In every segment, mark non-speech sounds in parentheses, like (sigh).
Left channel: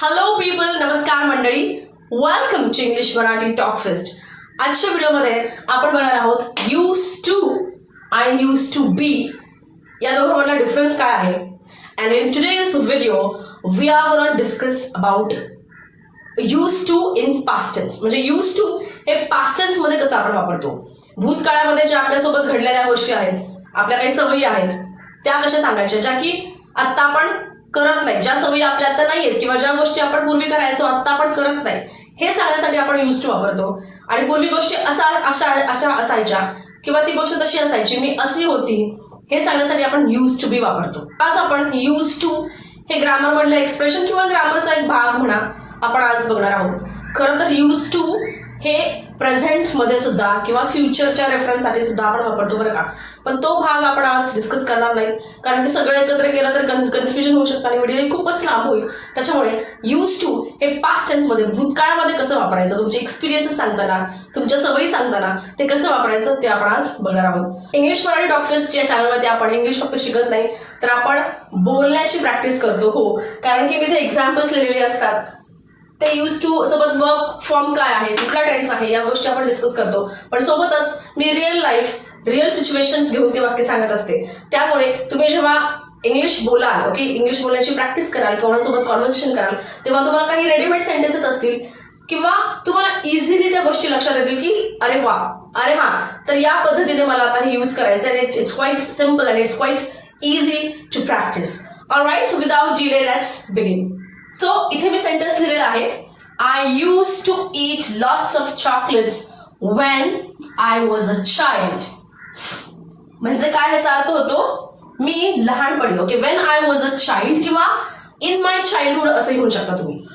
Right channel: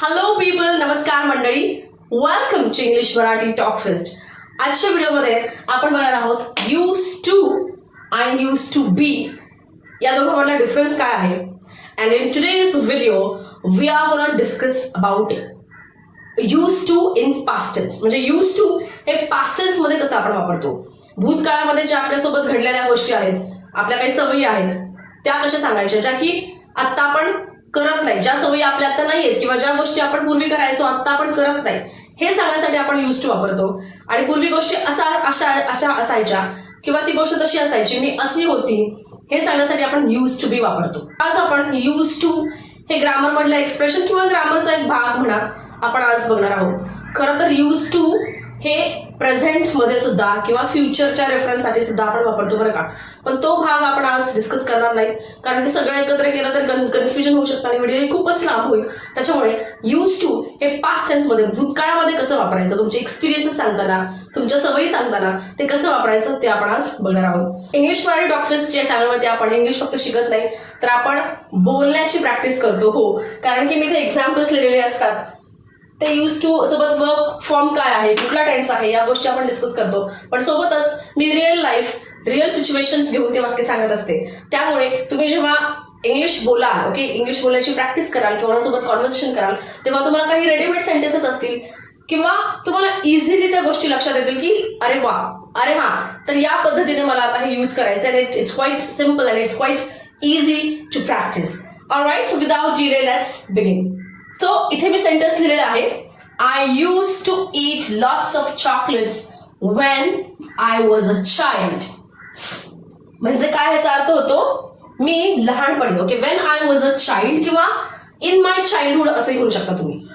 Hello people नमस्कार मंडळी. Welcome to English Marathi talk fest आजच्या व्हिडिओमध्ये आपण बघणार आहोत यूज टू आणि यूज टू बी या दोघांमधला डिफरन्स काय आहे? And in today's video we are gonna discuss about use to in past tense म्हणजे यूज टू हे पास्टन्समध्ये कसं आपण वापरतो? भूतकाळामध्ये ज्या आपल्यासोबत घडलेल्या गोष्टी आहेत आपल्या काही सवयी आहेत त्या कशा सांगायच्या? ज्या की आत्ता आपण करत नाही. ज्या सवयी आपल्या आता नाही आहेत किंवा ज्या गोष्टी आपण पूर्वी करायचो आत्ता आपण करत नाही हे सांगण्यासाठी आपण यूज टू वापरतो. आणि पूर्वी गोष्टी असा अशा अशा असायच्या किंवा ती गोष्ट तशी असायची मी अशी होती हे सांगण्यासाठी आपण यूज टू बी वापरतो. आज आपण यूज टू हे ग्रामर मधलं एक्सप्रेशन किंवा ग्रामरचा एक भाग म्हणा आपण आज बघणार आहोत. खरं तर यूज टू हे प्रेझेंटमध्ये सुद्धा किंवा फ्युचरच्या रेफरन्ससाठी सुद्धा आपण वापरतो बरं का. पण तो भाग आपण आज डिस्कस करणार नाही. कारण की सगळं एकत्र केलं तर कन्फ्युजन होऊ शकतं आणि व्हिडिओ खूपच लांब होईल. त्याच्यामुळे यूज टू हे पास्ट टेन्समध्ये भूतकाळामध्ये कसं वापरायचं? तुमचे एक्सपिरियन्सेस सांगताना तुमच्या सवयी सांगताना ते कसं वापरायचं ते आपण आज बघणार आहोत. इंग्लिश मराठी डॉक्टर्स या चॅनलमध्ये आपण इंग्लिश फक्त शिकत नाही तर आपण बोलण्याची प्रॅक्टिस करतो हो. कारण की मी ते एक्झाम्पल्स लिहिलेले असतात. ते यूज टू सोबत वर्क फॉर्म काय आहे कुठला टेन्स आहे या गोष्टी आपण डिस्कस करतो. पण सोबतच मी रिअल लाईफ रिअल सिच्युएशन्स घेऊन ते वाक्य सांगत असते. त्यामुळे तुम्ही जेव्हा इंग्लिश बोलाल ओके इंग्लिश बोलण्याची प्रॅक्टिस कराल कोणासोबत कॉन्व्हर्सेशन कराल तेव्हा तुम्हाला काही रेडीमेड सेंटेन्सेस असतील किंवा तुम्हाला इझिली त्या गोष्टी लक्षात येतील की अरे वा अरे हा. तर या पद्धतीने मला आता हे यूज करायचं आणि it's quite simple and it's quite easy to practise all right so without G let's begin so इथे मी सेंटेन्स लिहिलेला आहे. I use to eat lots of chocolates when I was a child म्हणजे काय ह्याचा अर्थ होतो? मी लहानपणी okay when I was a child किंवा इन माय चाइल्डहूड असंही होऊ शकता तुम्ही.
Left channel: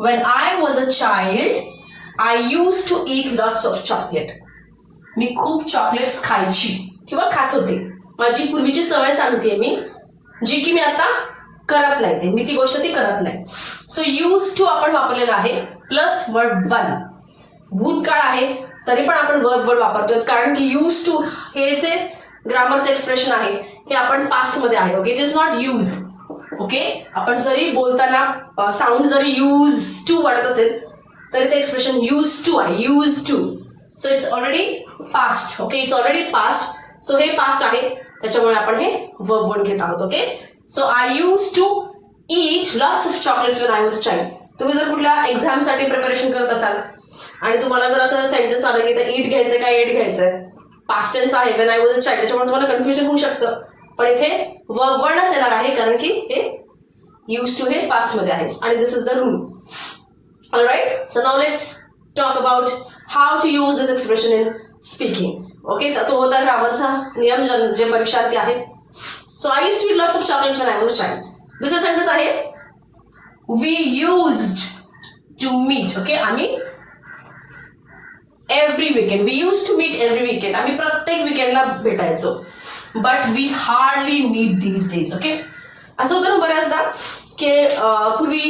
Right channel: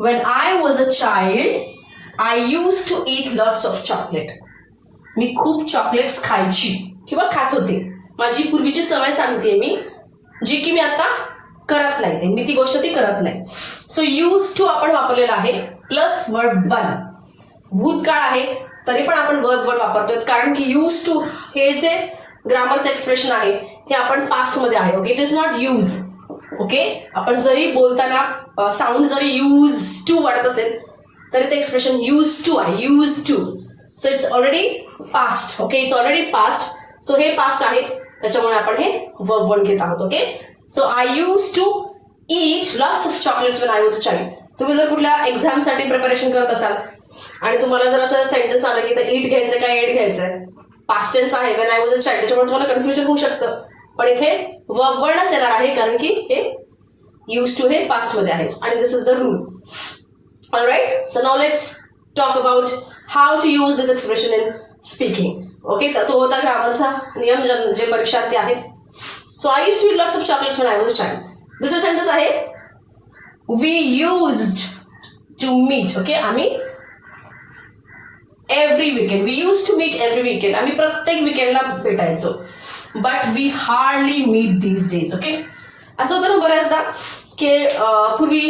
When I was a child I use to eat lots of chocolate मी खूप चॉकलेट्स खायची किंवा खात होते. माझी पूर्वीची सवय सांगते मी जी की मी आता करत नाही. ते मी ती गोष्ट ती करत नाही. सो यूज टू आपण वापरलेला आहे प्लस वर्ड वन भूतकाळ आहे तरी पण आपण वर्ब वर्ड वापरतोय. कारण की यूज टू हे जे ग्रामरचं एक्सप्रेशन आहे हे आपण पास्टमध्ये आहे. Okay it is not use okay आपण जरी बोलताना साऊंड जरी यूज टू वाढत असेल तरी ते एक्सप्रेशन यूज टू आहे. Use to so it's already past okay it's already past so हे पास्ट आहे. त्याच्यामुळे आपण हे वर्ब वन घेत आहोत. Okay so I use to eat lots of chocolates when I was child तुम्ही जर कुठल्या एक्झामसाठी प्रिपरेशन करत असाल आणि तुम्हाला जर असं सेंटेन्स आलं की तर ईट घ्यायचं काय एट घ्यायचंय. पास्टेन्स आहे when I was a child त्याच्यामुळे तुम्हाला कन्फ्युजन होऊ शकतं. पण इथे वर्ब वर्णच येणार आहे कारण की हे यूज टू हे पास्टमध्ये आहे. आणि this is the rule right so now let's talk about how to use this expression in speaking okay तर तो होता ग्रामरचा नियम जे परीक्षार्थी आहेत. So I use to lots of chocolates when I was a child. दुसरं सेंटेन्स आहे we used to meet okay आम्ही every weekend we use to meet every weekend आम्ही प्रत्येक विकेंडला भेटायचो. But we hardly meet these days okay असं होतं ना बऱ्याचदा की पूर्वी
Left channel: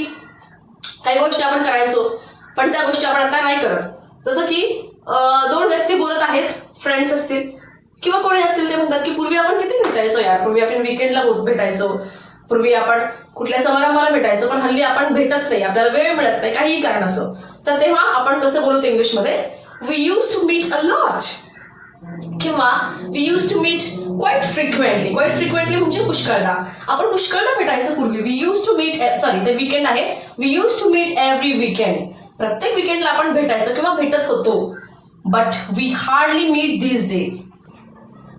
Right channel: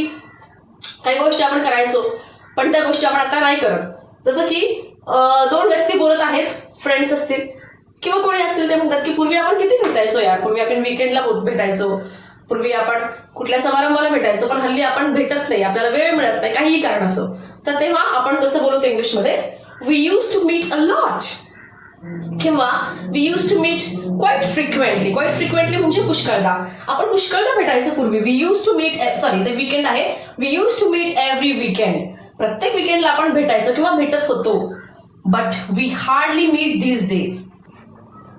काही गोष्टी आपण करायचो पण त्या गोष्टी आपण आता नाही करत. जसं की दोन व्यक्ती बोलत आहेत फ्रेंड्स असतील किंवा कोणी असतील ते म्हणतात की पूर्वी आपण किती भेटायचो यार? पूर्वी आपण विकेंडला भेटायचो. पूर्वी आपण कुठल्या समारंभाला भेटायचो पण हल्ली आपण भेटत नाही. आपल्याला वेळ मिळत नाही. काहीही कारण असो. तर तेव्हा आपण कसं बोलतो इंग्लिशमध्ये? We use to meet a lot किंवा we use to meet quite frequently quite frequently म्हणजे पुष्कळदा. आपण पुष्कळदा भेटायचं पूर्वी. We use to meet sorry ते विकेंड आहे. We use to meet every weekend प्रत्येक विकेंडला आपण भेटायचो किंवा भेटत होतो. But we hardly meet these days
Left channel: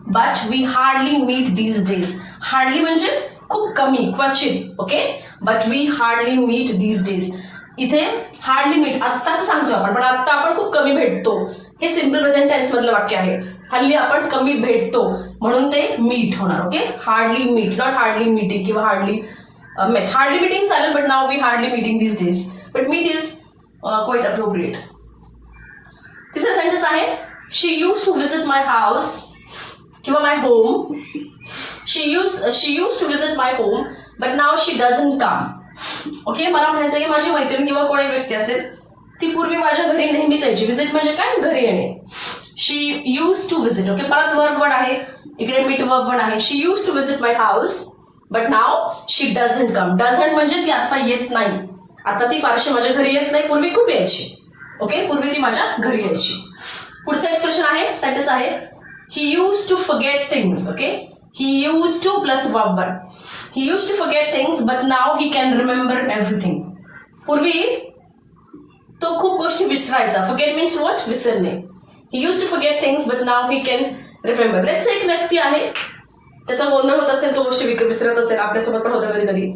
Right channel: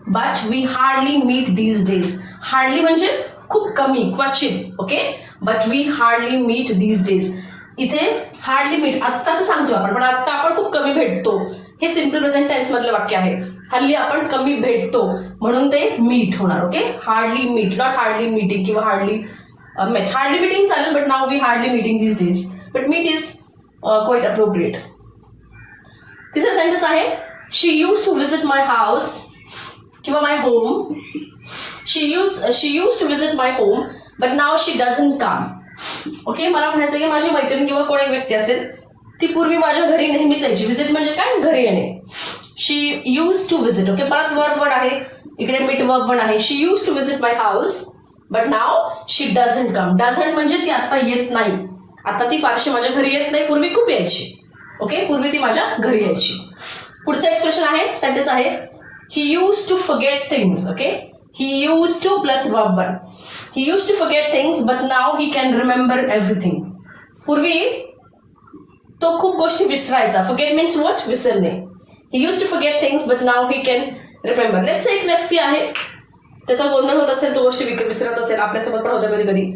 but we hardly meet these days hardly म्हणजे खूप कमी क्वचित okay but we hardly meet these days इथे हार्डली लिमिट आत्ताच सांगतो आपण पण आत्ता आपण खूप कमी भेटतो. हे सिंपल प्रेझेंट टेन्स मधलं वाक्य आहे. हल्ली आपण कमी भेटतो म्हणून ते मीट होणार okay hardly meet not hardly meeting किंवा हार्डली मॅच हार्डली मीटिंग चालेल but now we hardly meeting this days but meet is quite appropriate तिसरा सेंटेन्स आहे she use to visit my house किंवा my home she use she use to visit my home but now she doesn't come okay मला म्हणायचं की माझी मैत्रीण किंवा कोणी व्यक्ती असेल ती पूर्वी माझ्या घरी नेहमीच यायची. विजिट म्हणजे काय? घरी येणे. She use to visit okay परत वर्ब वर्ड आहे. इकडे मीट वर्ब वर्ड आहे. She use to visit my house but now she doesn't come doesn't म्हणजे ती आता येत नाही. आता ती फारशी माझ्या घरी येत नाही. पूर्वी खूप यायची. ओके पूर्वी ती माझ्या घरी यायची. पुढचं एक्सप्रेशन आहे सेंटेन्स आहे. He use to forget things okay he use to plus one he use to forget things but now he can remember everything पूर्वी तो खूप गोष्टी विसरायचा फॉरगेट मीन्स वॉट विसरणे he use to forget things but now he can remember let's एक व्यक्ती आहे त्याचा गोंधळ होत असेल तो गोष्टी विक- विसरत असेल आपल्यासोबत पण होतं कधी कधी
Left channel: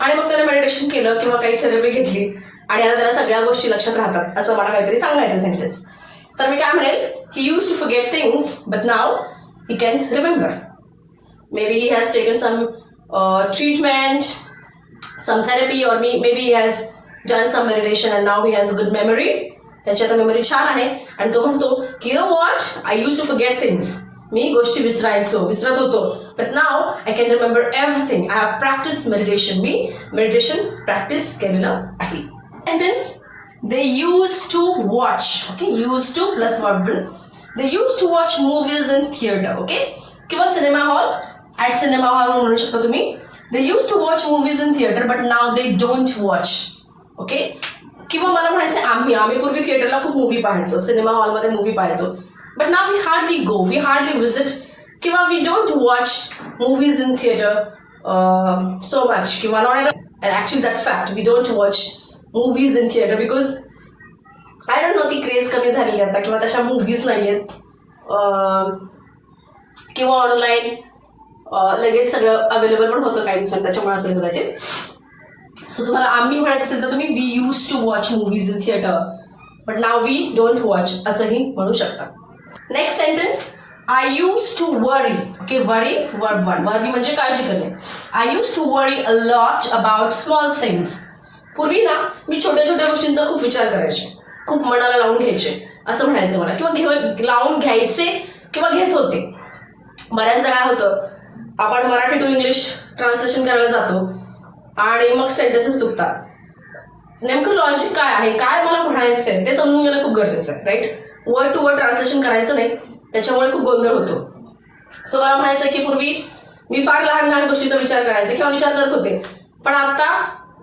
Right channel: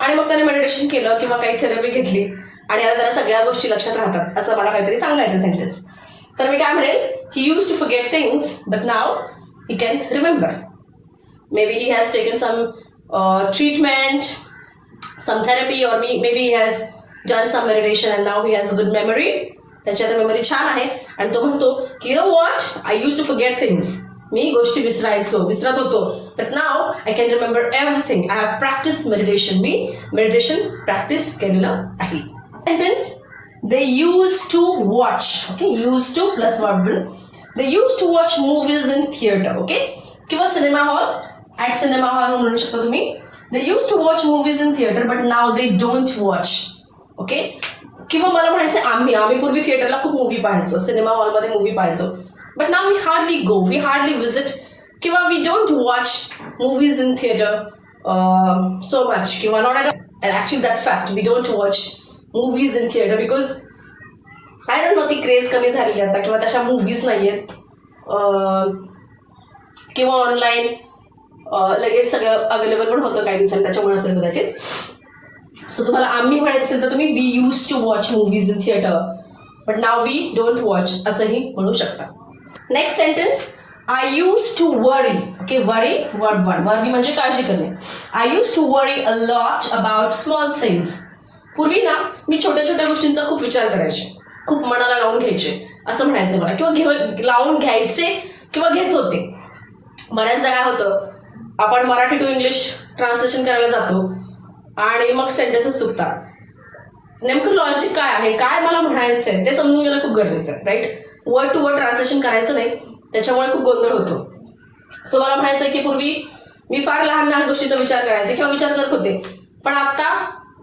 आणि मग त्याने मेडिटेशन केलं किंवा काही थेरपी घेतली आणि आता त्याला सगळ्या गोष्टी लक्षात राहतात. असं मला काहीतरी सांगायचं सेंटेन्स तर मी काय म्हणेल he use to forget things but now he can remember maybe he has taken some uh, treatment, some therapy, or me, maybe he has done some meditation and now he has good memory. त्याची आता memory छान आहे आणि तो म्हणतो की no what I use to forget things मी गोष्टी विसरायचो विसरत होतो but now I can remember everything I have practice meditation me meditation practice केलेलं आहे sentence they use to watch okay use to plus verbal they use to watch movies in theatre okay किंवा cinema hall at cinema hall म्हणू शकता तुम्ही. They use to watch movies in theatre but now they don't watch okay किंवा मला म्हणायचं आम्ही आम्ही पूर्वी थिएटरला खूप मूवी पाहायचो सिनेमा हॉलमध्ये मूवी पाहायचो. But now we hardly go we hardly visit किंवा we don't watch movies in theatre so much किंवा not at actually that's fact we don't watch movies in theatre because I don't know ती craze कमी झालेली आता किंवा तशा movies नाही आहेत किंवा ऑनलाईन लगेच सगळं अवेलेबल पण होतं काही दिवसांनी त्याच्यामुळे असेल कदाचित. सो तुम्हाला आम्ही म्हणायचं असेल तर तुम्ही we use to watch movies in theatre but now we don't watch असंही म्हणू शकता. Next sentence I use to worry okay worry word one worry म्हणजे काळजी करणे. I use to worry a lot about small things पूर्वी ना मी छोट्या छोट्या गोष्टींचा खूप विचार करायचे. खूप मनाला लावून घ्यायचे. असं म्हणायचं मला. किंवा घेऊन लावून घ्यायचे किंवा घेत होते. बऱ्याचदा काय होतं आपण मराठी टू इंग्लिश ट्रान्सलेशन करायला जातो आणि मग सेंटेन्सेस चुकतात. नेमकं लॉजिक काय आहे? काय मला म्हणायचं आहे ते समजून घेणं खूप गरजेचं आहे right word to word translation करायचं नाही त्याच्यामुळे खूप गोंधळ होतो. सो मला म्हणायचं आहे की पूर्वी मी फार लहान लहान गोष्टीचा विचार करायचे किंवा विचार करत होते. पण आता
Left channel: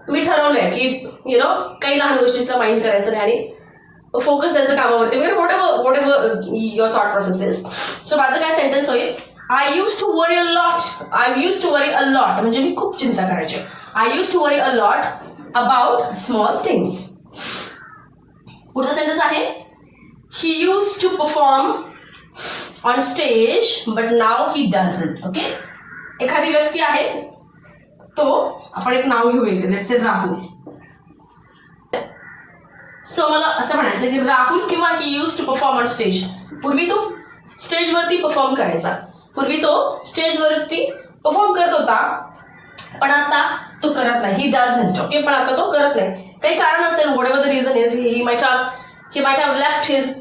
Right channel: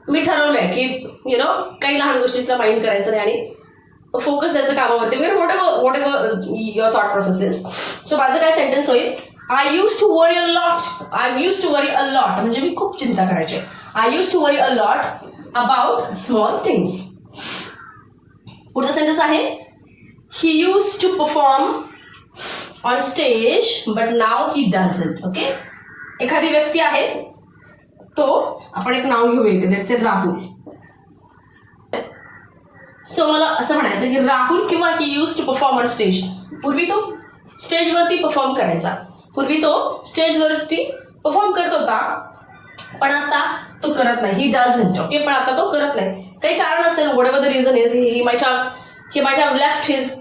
मी ठरवलंय की यु नो काही लहान गोष्टीचा माइंड करायचं नाही आणि फोकस द्यायचं कामावरती. वगैरे whatever whatever your thought processes so माझं काय सेंटेन्स होईल? I use to worry a lot I use to worry a lot म्हणजे मी खूप चिंता करायचे. I use to worry a lot about small things पुढचा सेंटेन्स आहे he use to perform on stage but now he doesn't okay एखादी व्यक्ती आहे तो आपण एक नाव घेऊ एक से राहुल सो मला असं म्हणायचं की राहुल किंवा he use to perform on stage पूर्वी तो स्टेजवरती परफॉर्म करायचा. पूर्वी तो स्टेजवरती परफॉर्म करत होता. पण आता तो करत नाही. ही डझंट ओके पण आता तो करत नाही. काही कारण असेल whatever the reason is he माझ्या ही माझ्या लेफ्ट हिज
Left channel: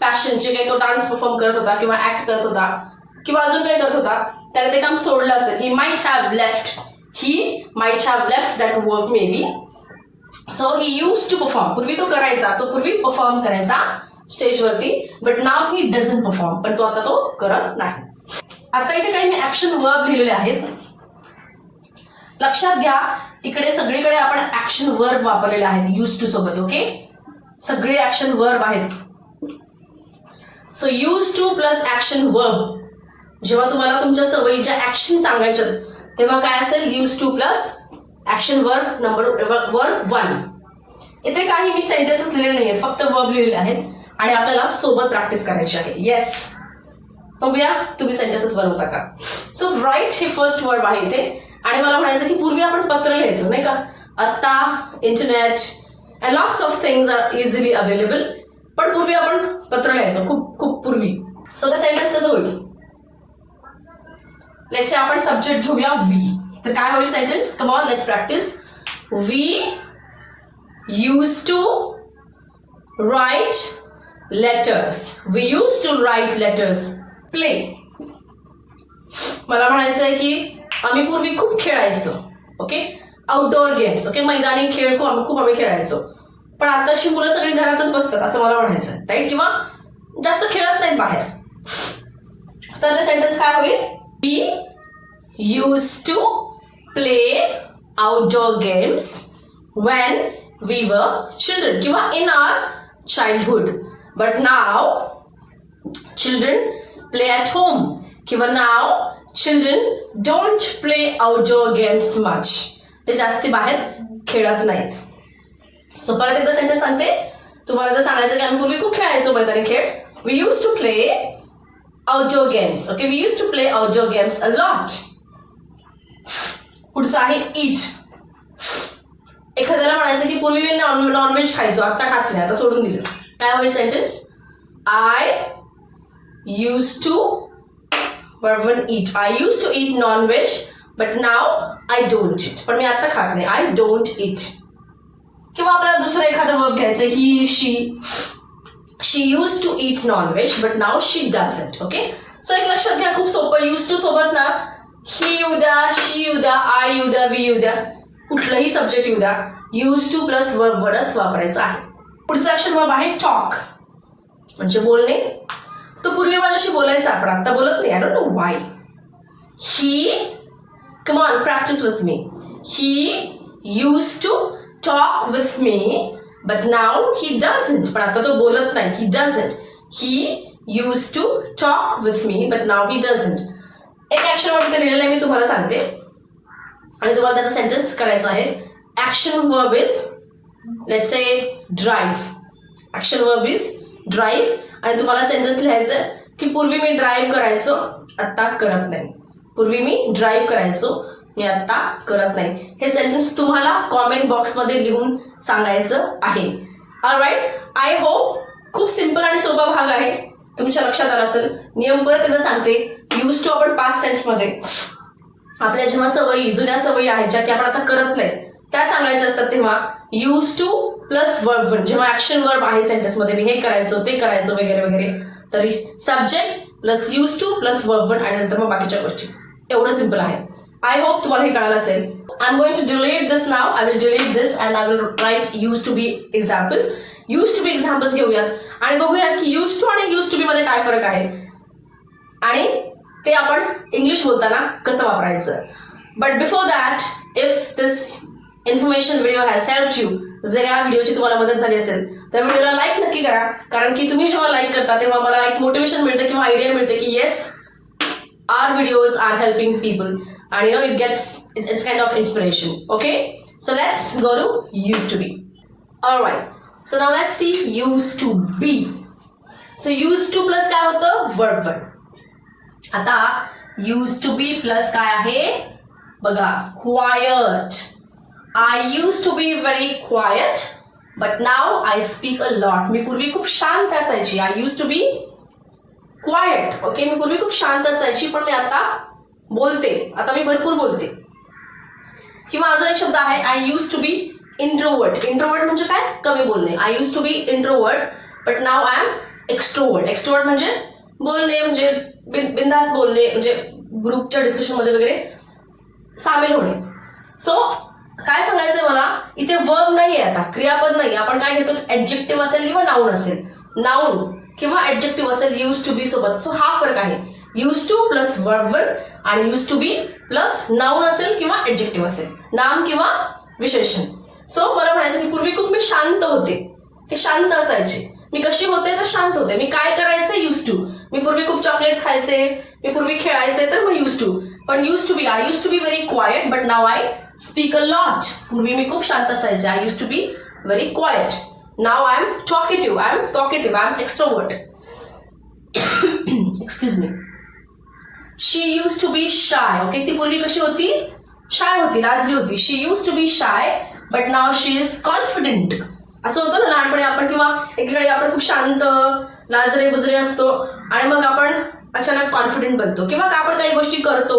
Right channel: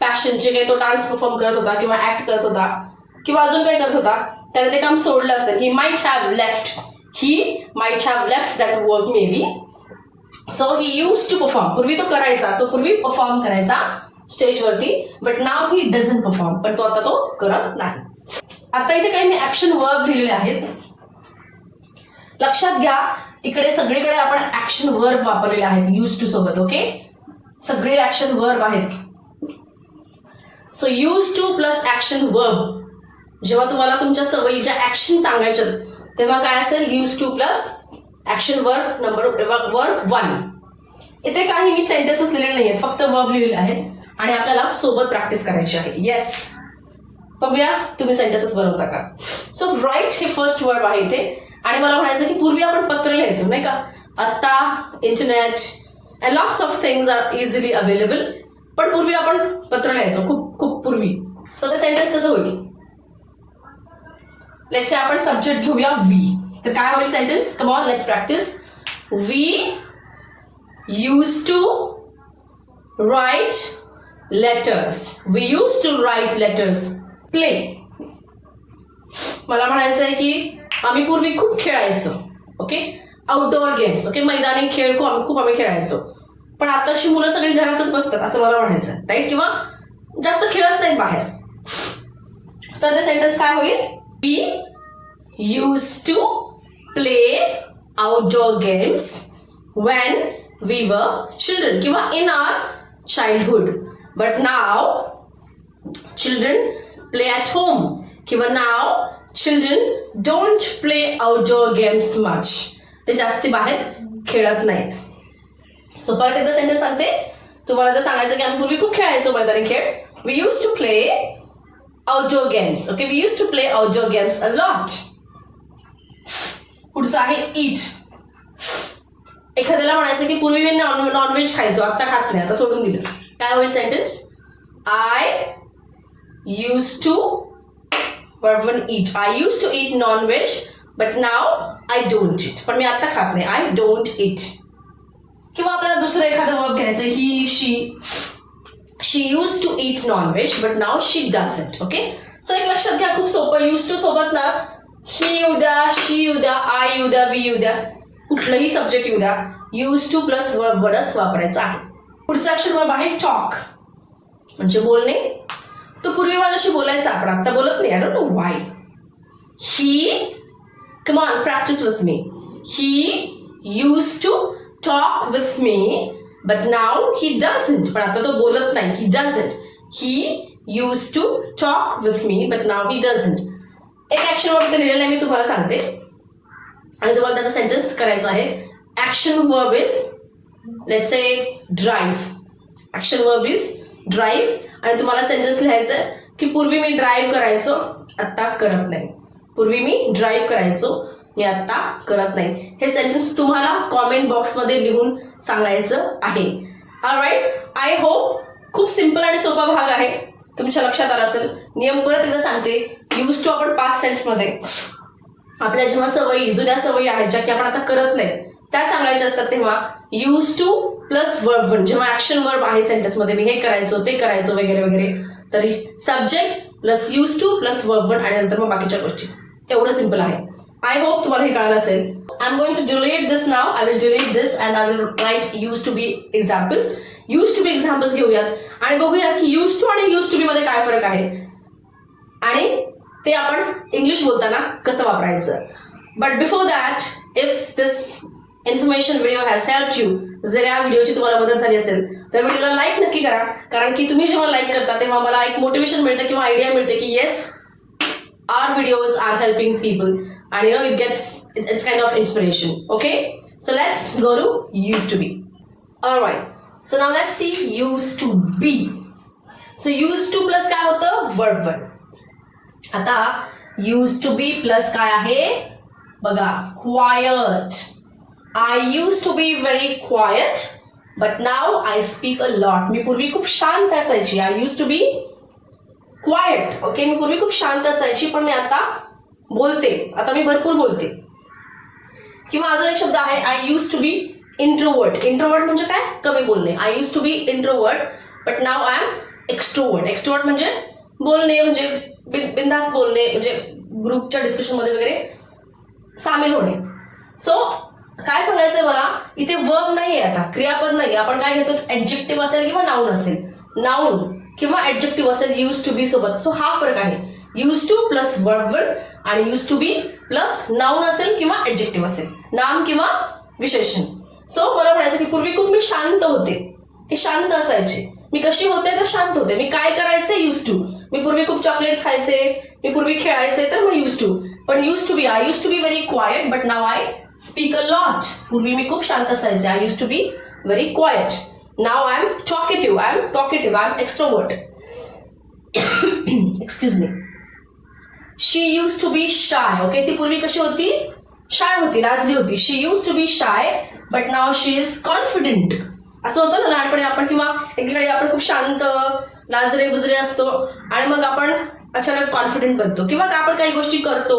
पॅशन जे काही तो डान्स परफॉर्म करत होता किंवा ऍक्ट करत होता किंवा अजून काही करत होता त्याने ते काम सोडलं असेल. He might have left he might have left that work maybe so he use to perform पूर्वी तो करायचा. तो पूर्वी परफॉर्म करायचा. स्टेजवरती but now he doesn't perform पण तो आता तो करत नाही. आता इथे काही मी ऍक्शन वर्ब लिहिलेले आहेत. लक्षात घ्या इकडे सगळीकडे आपण ऍक्शन वर्ब वापरलेले आहेत यूज टू सोबत ओके सगळे ऍक्शन वर्ब आहेत. So use to plus action verb जेव्हा तुम्हाला तुमच्या सवयीच्या ऍक्शन सांगायच्या तेव्हा काय असेल? Use to plus action verb number verb one इथे काही मी सेंटेन्सेस लिहिलेले नाही आहेत फक्त वर्ब लिहिलेले आहेत. आणि आपल्याला सोबत प्रॅक्टिस करायची आहे. येस बघूया तुम्ही सेंटेन्सेस बनवता का? सो राईट हे फर्स्ट वर्ड आहे इथे. आणि मला म्हणायचं की पूर्वी आपण पत्र लिहायचो नाही का? आता internet and lots of things are easily available पण पूर्वी आपण पत्र लिहायचो खूप खूप पूर्वी. सो ते सेंटेन्स कसं होईल? लेट्स आपण सब्जेक्ट घेऊया वी तर काय होईल sentence come on let's practice we use to write letters we use to write letters play मला म्हणायचं आहे की आम्ही पूर्वी खूप खेळायचो ओके आउटडोअर गेम्स ओके मैदानी खेळ खूप आम्ही खूप आम्ही खेळायचो. पण आताची मुलं सगळी घरातच बसतात असं मला म्हणायचं राईट किंवा जास्त खेळत नाहीत बाहेर. तर ते सेंटेन्स काय होईल? We use to play outdoor games when we were children किंवा in our childhood but now children play at home किंवा now children don't play outdoor games much ते जास्ती बाहेर खेळत नाहीत. सो परत एकदा सेंटेन्स सांगते. तुम्हाला जर सांगायचं की आम्ही पूर्वी खूप खेळायचो मैदानी खेळ. We use to play outdoor games okay we use to play outdoor games a lot पुढचं आहे? ईट एखाद्याला म्हणायचं की पूर्वी मी नॉन नॉनव्हेज खायचो आता खात नाही आता सोडून दिलं. काय होईल sentence I use to verb one I use to to non veg but now I don't eat पण मी आता खात नाही. आय डोंट इट किंवा आपल्याला दुसरं एखादं वर्ब घ्यायचं he she she use to eat non veg but now she doesn't okay so एक लक्षात घ्या खूप सोपं. यूज टू सोबत ना ही येऊ द्या शी येऊ द्या आय येऊ द्या वी येऊ द्या कुठलंही सब्जेक्ट येऊ द्या यूज टू प्लस वर्ब वरच वापरायचं आहे. पुढचं अक्षर आहे टॉक म्हणजे बोलणे? तो पूर्वी माझ्याशी बोलायचा पण आता बोलत नाही. I don't know why he come on practice with me he use to talk with me but now he doesn't पण आता तो बोलत नाही. He doesn't he use to talk with me but now he doesn't एक action word लिहिलेलं आहे मी तुम्हाला सांगते. आणि तुम्हाला त्याचा सेंटेन्स करायचा आहे. Action verb is let's say drive action verb is drive आणि तुम्हाला सेंटेन्स लिहायचं की पूर्वी मी ड्राईव्ह करायचो आत्ता करत नाही. पूर्वी मी ड्राईव्ह करायचो मी आत्ता करत नाही. हे सेंटेन्स तुम्हाला कॉमेंट बॉक्समध्ये लिहून सांगायचं आहे. ऑल राईट आय होप खूप सिंपल आणि सोपा भाग आहे. तुमच्या लक्षात आला असेल. नियम परत एकदा सांगते. यूज टू आपण पाच सेंट्समध्ये आपल्या जेव्हा सवयी जुन्या सवयी आहेत ज्या की आपण आता करत नाहीत त्या सांगायच्या असतात तेव्हा use to plus verb one जेव्हा ऍक्शन वर्ब आहे सेंटेन्समध्ये मी हे करायचो ते करायचो वगैरे वगैरे तरी subject plus use to plus verb one आणि नंतर मग बाकीच्या गोष्टी. एवढं सिंपल आहे. आय होप तुम्हाला हे कळालं असेल. I am going to delete this now I will delete this and I will write use to be examples use to be examples घेऊयात. आणि बघूयात की यूज टू आणि यूज टू बी मध्ये काय फरक आहे. आणि ते आपण इंग्लिश बोलताना कसं वापरायचं. But before that if this information video has help you जर या व्हिडिओची तुम्हाला मदत झाली असेल तर व्हिडिओला लाईक नक्की करा. कारण की तुम्ही जेव्हा लाईक करता तेव्हा मला एक मोटिवेशन मिळतं किंवा आयडिया मिळते की yes our videos are helping people आणि you know it gets it's kind of inspiration okay so let's go to use to be all right so now let's see use to be so use to plus काय होतं? Word one आता use to be plus काय आहे? बघा quiet I use to be very quiet but now I speak a lot मी पूर्वी खूप शांत असायची. I use to be quiet okay मी पूर्वी खूप शांत असायची पण मी आता बोलते. आता मी भरपूर बोलते. किंवा अजून एक शब्द आहे I use to be introvert introvert म्हणजे काय? कमी बोलणे. I use to be introvert but now I am extrovert extrovert म्हणजे बोलणे म्हणजे बिन बोलणे म्हणजे ग्रुपच्या डिस्कशनमध्ये वगैरे सामील होणे. सो काय सांगायचंय मला? इथे वर्ब नाही आहे आता. क्रियापद नाही आपण काय घेतो? ऍडजेक्टिव्ह असेल किंवा नाऊन असेल. नाऊन किंवा ऍडजेक्टिव्ह असेल यूज टू बी सोबत. सो हा फरक आहे. यूज टू प्लस वर्ब आणि use to be plus noun असेल किंवा ऍडजेक्टिव्ह असेल. नाम किंवा विशेषण. सो मला म्हणायचं की पूर्वी खूप मी शांत होते. ते शांत असायचे. मी कशी होते? तर शांत होते. मी काय करायचे? यूज टू मी पूर्वी खूप चॉकलेट्स खायचे. मी पूर्वी खेळायचे. तर मग यूज टू पण used to be I used to be very quiet but now I speak a lot पूर्वी मी खूप शांत असायचे. I used to be very quiet now I am talkative I am talkative I am extrovert excuse me she used to be shy okay ती पूर्वी कशी होती? Shy होती लाजली होती. She used to be shy but now she is confident असं होतं ना लहानपणी आपण किंवा एकीकडे आपण खूप शांत लाजरे बुजरे असतो आणि मग आपण अचानक कॉन्फिडेंट बनतो. किंवा आपण काही गोष्टी करतो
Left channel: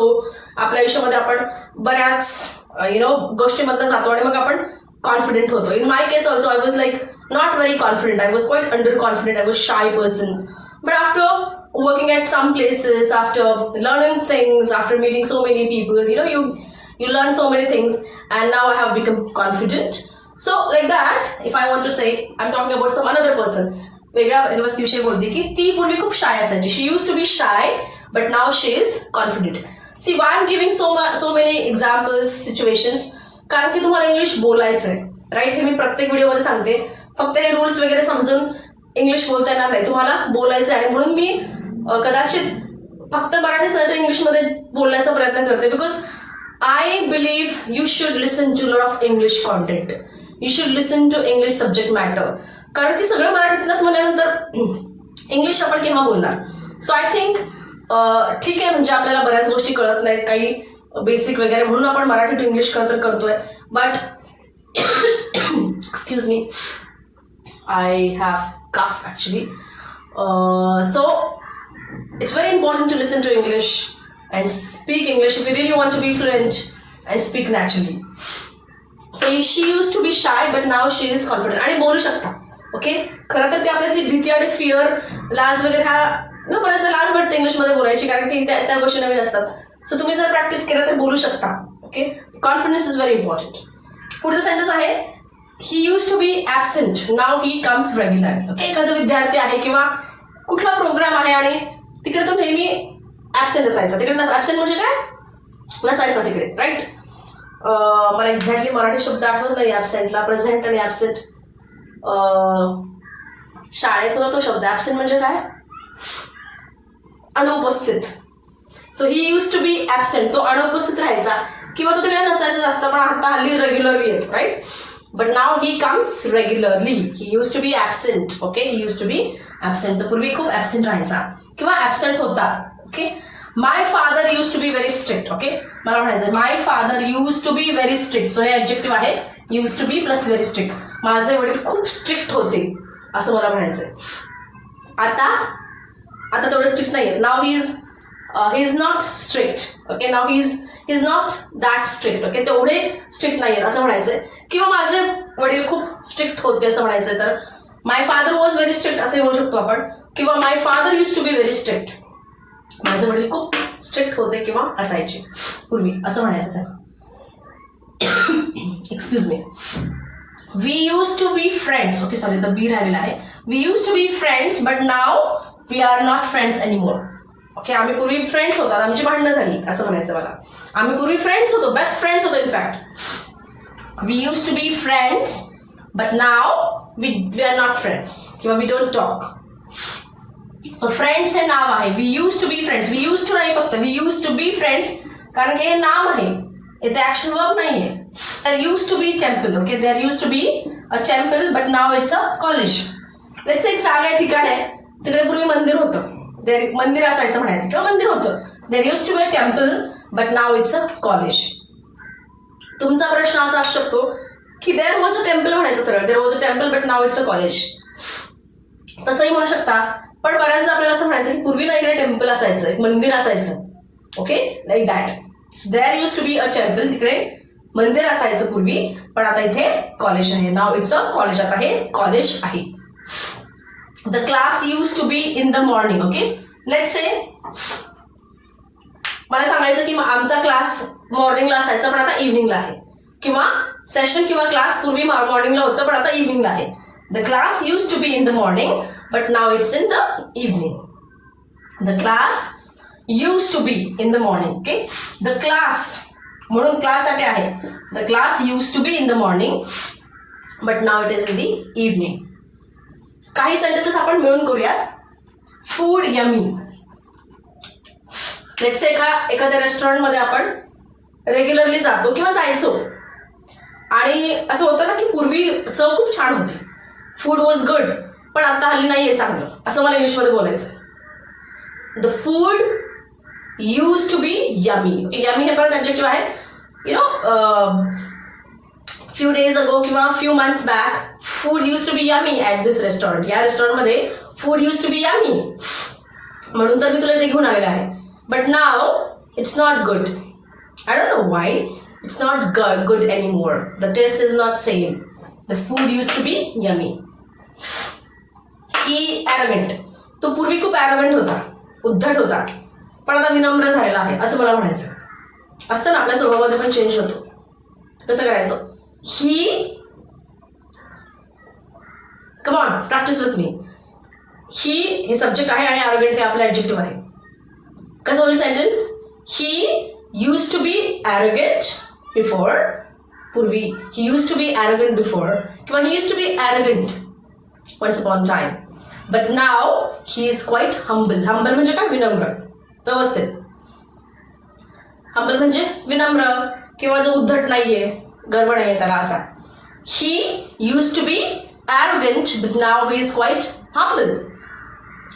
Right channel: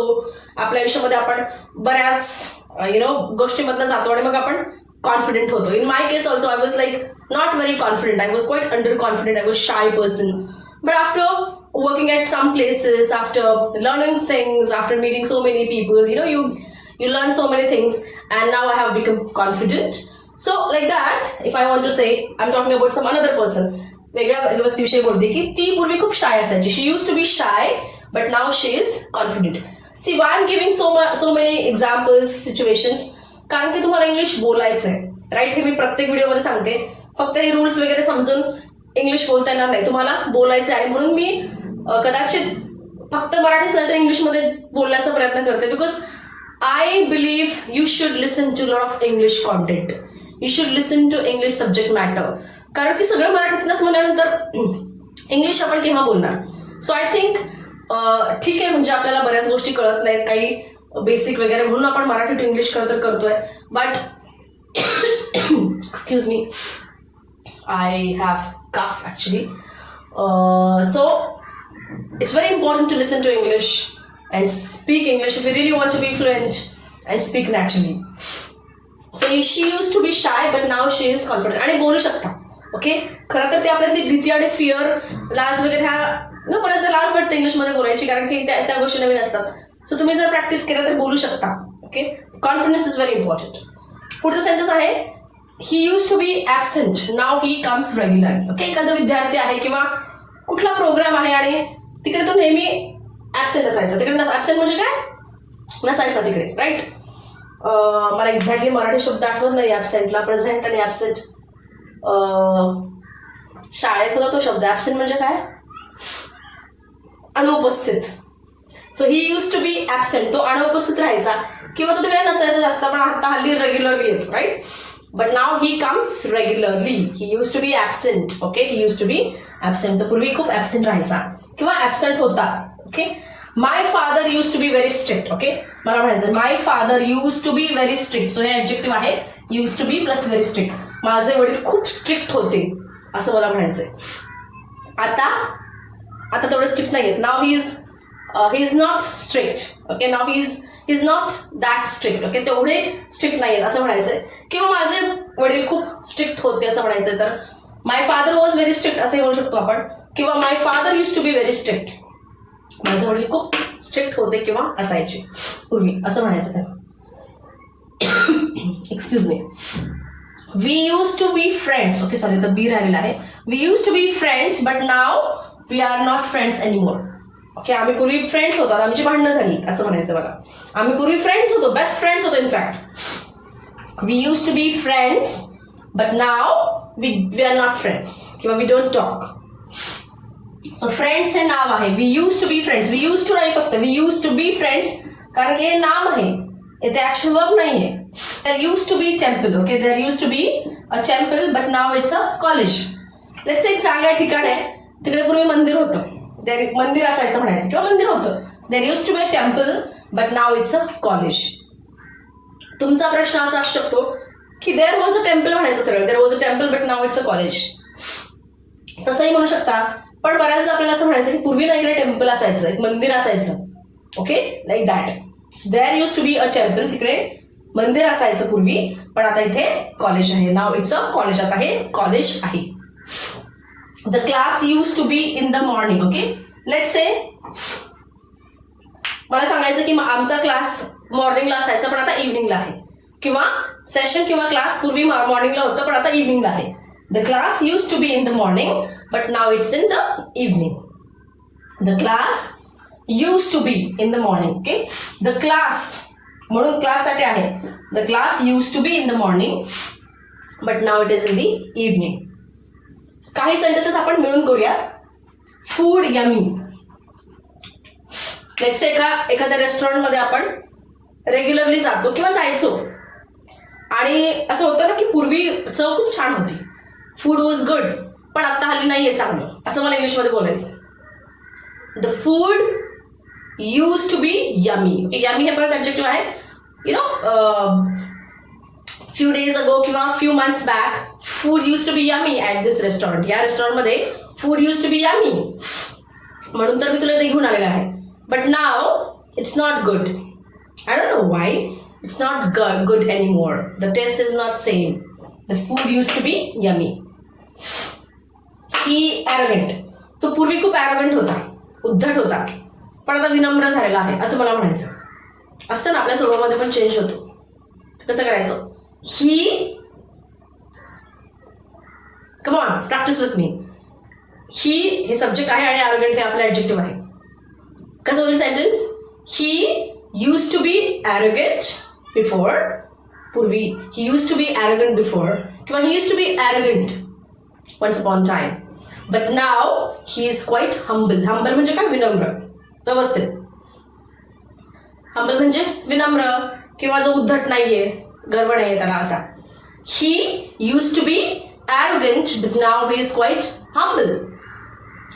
आपल्या आयुष्यामध्ये आपण बऱ्याच यु नो गोष्टीमधनं जातो आणि मग आपण कॉन्फिडेंट होतो in my case also I was like not very confident I was quite under confident I was shy person but after working at some places after learning things after meeting so many people you know you you learn so many things and now i have become confident so like that if i want to say i'm talking about some another person वेगळ्या व्यक्तीविषयी बोलते की ती पूर्वी खूप shy असायची she used to be shy but now she is confident see why am giving so so many examples situations कारण की तुम्हाला इंग्लिश बोलायचं आहे राईट हे मी प्रत्येक व्हिडिओमध्ये सांगते. फक्त हे रूल्स वगैरे समजून इंग्लिश बोलता येणार नाही. तुम्हाला बोलायचं आहे आणि म्हणून मी कदाचित फक्त मराठीच नाही तर इंग्लिशमध्ये बोलण्याचा प्रयत्न करते. Because I believe you should listen to lot of English content you should listen to English subject matter कारण की सगळं मराठीतनंच म्हणल्यानंतर इंग्लिश (clears throat) आपण केव्हा बोलणार? सो आय थिंक ठीक आहे म्हणजे आपल्याला बऱ्याच गोष्टी कळत नाही काही बेसिक वगैरे म्हणून आपण मराठी टू इंग्लिश खरं तर करतोय. But excuse me I have cough actually so it's very important to listen to English and speak English we really want to be fluent I speak naturally so she used to be shy but now she is confident आणि बोलू शकता okay खरं तर ते आपल्यातली भीती आणि fear लाज वगैरे ह्या न बऱ्याचदा लाज वाटते इंग्लिशमध्ये बोलायची कारण की त्या त्या गोष्टी नवीन असतात. सो तुम्ही जर प्रॅक्टिस केलं तर बोलू शकता. Okay confidence is very important पुढचं सेंटेन्स आहे he used to be absent now he comes regular okay एखादा विद्यार्थी आहे किंवा कुठला प्रोग्राम आहे आणि तिकडे तो नेहमी ॲबसेंट असायचा. तिकडे ॲबसेंट म्हणजे काय? नसायचा तिकडे राईट मला एक्झॅक्टली मराठी शब्द आठवत नाही ॲबसेंटला प्रेझेंट आणि ॲबसेंट शाळेत होता तो शब्द. ॲबसेंट म्हणजे काय? अनुपस्थित. So he used to be absent तो अनुपस्थित राहायचा. किंवा तो तिकडे नसायचा जास्त. पण आता हल्ली रेग्युलरली येतो right but now he comes regularly he used to be absent okay he used to be absent तर पूर्वी खूप ऍबसेंट राहायचा. किंवा ऍबसेंट होता okay my father used to be very strict okay मला म्हणायचं my father used to be very strict so हे objective आहे. Used to be plus very strict माझे वडील खूप स्ट्रिक्ट होते असं मला म्हणायचंय. आता आता तेवढे स्ट्रिक्ट नाही आहेत now is he is not strict okay now is is not that strict okay तेवढे स्ट्रिक्ट नाही आहेत असं म्हणायचंय. किंवा माझे वडील खूप स्ट्रिक्ट होते असं म्हणायचंय तर my father was very strict असे म्हणू शकतो आपण. किंवा my father used to be very strict माझे वडील खूप स्ट्रिक्ट होते किंवा असायचे पूर्वी असं म्हणायचं तेव्हा excuse me we used to be friends okay sorry तर बी राहिलेला आहे. We used to be friends but now we are not friends anymore okay आम्ही पूर्वी फ्रेंड्स होतात आमची भांडणं झाली असं म्हणायचं मला. आम्ही पूर्वी फ्रेंड्स होतो बेस्ट फ्रेंड्स होतो in fact we used to be friends but now we we are not friends किंवा we don't talk so friends हे नाव आहे. We used to be friends we used to नाही फक्त we used to be friends कारण की हे नाम आहे. इथे ऍक्शन वर्क नाही आहे there used to be temple okay there used to be a temple but now it's a college let's एक जागा ठिकाण आहे. तिकडे पूर्वी मंदिर होतं. देर मंदिर असायचं म्हणायचं किंवा मंदिर होतं. There used to be a temple but now it's a college तुमचा प्रश्न असा असू शकतो की देर वॉज अ टेम्पल म्हणायचं सरळ. There was a temple but now it's a college तसंही म्हणू शकता. पण बऱ्याचदा आपल्याला असं म्हणायचं की पूर्वी नाही टेम्पल असायचं एक मंदिर असायचं. Okay like that there used to be a temple तिकडे मंदिर असायचं पूर्वी पण आता इथे कॉलेज आहे. नाव इट्स अ कॉलेज आता हे कॉलेज आहे. The class used to be in the morning okay let say मला सांगायचं की आमचा क्लास मॉर्निंगला असायचा पण आता इव्हिनिंगला आहे. किंवा सेशन किंवा क्लास पूर्वी मॉर्निंगला होतं पण आता इव्हिनिंगला आहे. The class used to be in the morning but now it's in the evening the class used to be in the morning okay the class म्हणून क्लाससाठी आहे. The class used to be in the morning but now it is in the evening काही sentences आपण मिळून करूयात. Food yummy let's एका एखाद्या रेस्टॉरंटमध्ये आपण रेग्युलरली जातो किंवा जायचो. आणि असं होतं ना की पूर्वी चव खूप छान होती. फूड वॉज गुड पण आता हल्ली नाही आहे चांगलं. असं मला इंग्लिशमध्ये बोलायचं the food used to be yummy yummy हे परत ऑब्जेक्टिव्ह आहे. You know few days ago किंवा few months back food used to be yummy at this restaurant या रेस्टॉरंटमध्ये food used to be yummy म्हणून तर मी तुला ते घेऊन आलेलं आहे. But now it's not good I don't know why it's not good any more the taste is not same the food used to be yummy he arrogant तो पूर्वी खूप ॲरोगेंट होता. उद्धट होता. पण आता विनम्र झालेला आहे असं मला म्हणायचं असतं ना आपल्या स्वभावामध्ये पण चेंज होतो. कसं करायचं? ही come on practice with me he हे सब्जेक्ट आहे आणि ॲरोगंट हे आपलं ॲडजेक्टिव्ह आहे. कसं होईल sentence he used to be arrogant before पूर्वी he used to be arrogant before किंवा he used to be arrogant once upon time but now he is quite humble humble म्हणजे काय? विनम्र. व्यवस्थित. हंबल म्हणजे विनम्र किंवा जो उद्धट नाहीये गर्व नाहीये त्याला असा. He used to be arrogant, but now he is quite humble.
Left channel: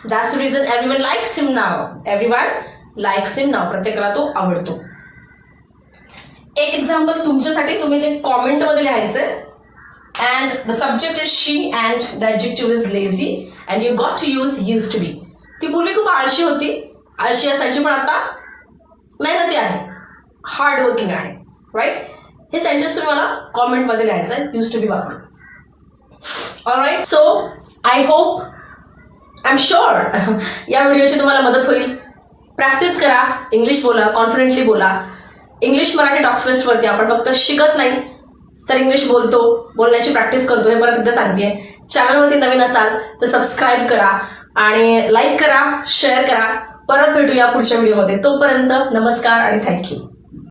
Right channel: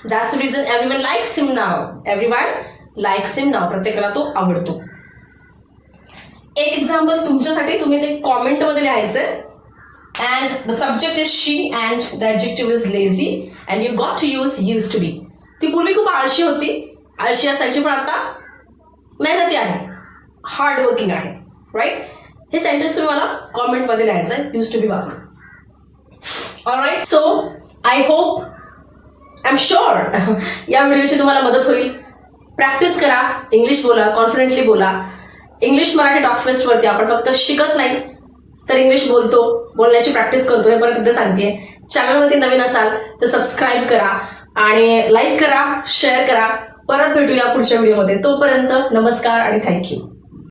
That's the reason everyone likes him now Everyone likes him now. Now प्रत्येकाला तो आवडतो. एक एक्झाम्पल तुमच्यासाठी तुम्ही ते कॉमेंटमध्ये लिहायचं. And the subject is she and the adjective is lazy and you got to use used to be ती पूर्वी खूप आळशी होती. आळशी असायची पण आता मेहनती आहे. हार्डवर्किंग आहे. राईट हे सेंटेन्स तुम्ही मला कॉमेंटमध्ये लिहायचं. आहे यूज टू बी वापरून. Alright so I hope I am sure या व्हिडिओची तुम्हाला मदत होईल. प्रॅक्टिस करा इंग्लिश बोला कॉन्फिडेंटली बोला. इंग्लिश मराठी डॉक फेस्टवरती आपण फक्त शिकत नाही तर इंग्लिश बोलतो बोलण्याची प्रॅक्टिस करतो हे परत एकदा सांगते. चॅनलवरती नवीन असाल तर सबस्क्राईब करा आणि लाईक करा शेअर करा. परत भेटूया पुढच्या व्हिडिओमध्ये तोपर्यंत नमस्कार आणि थँक्यू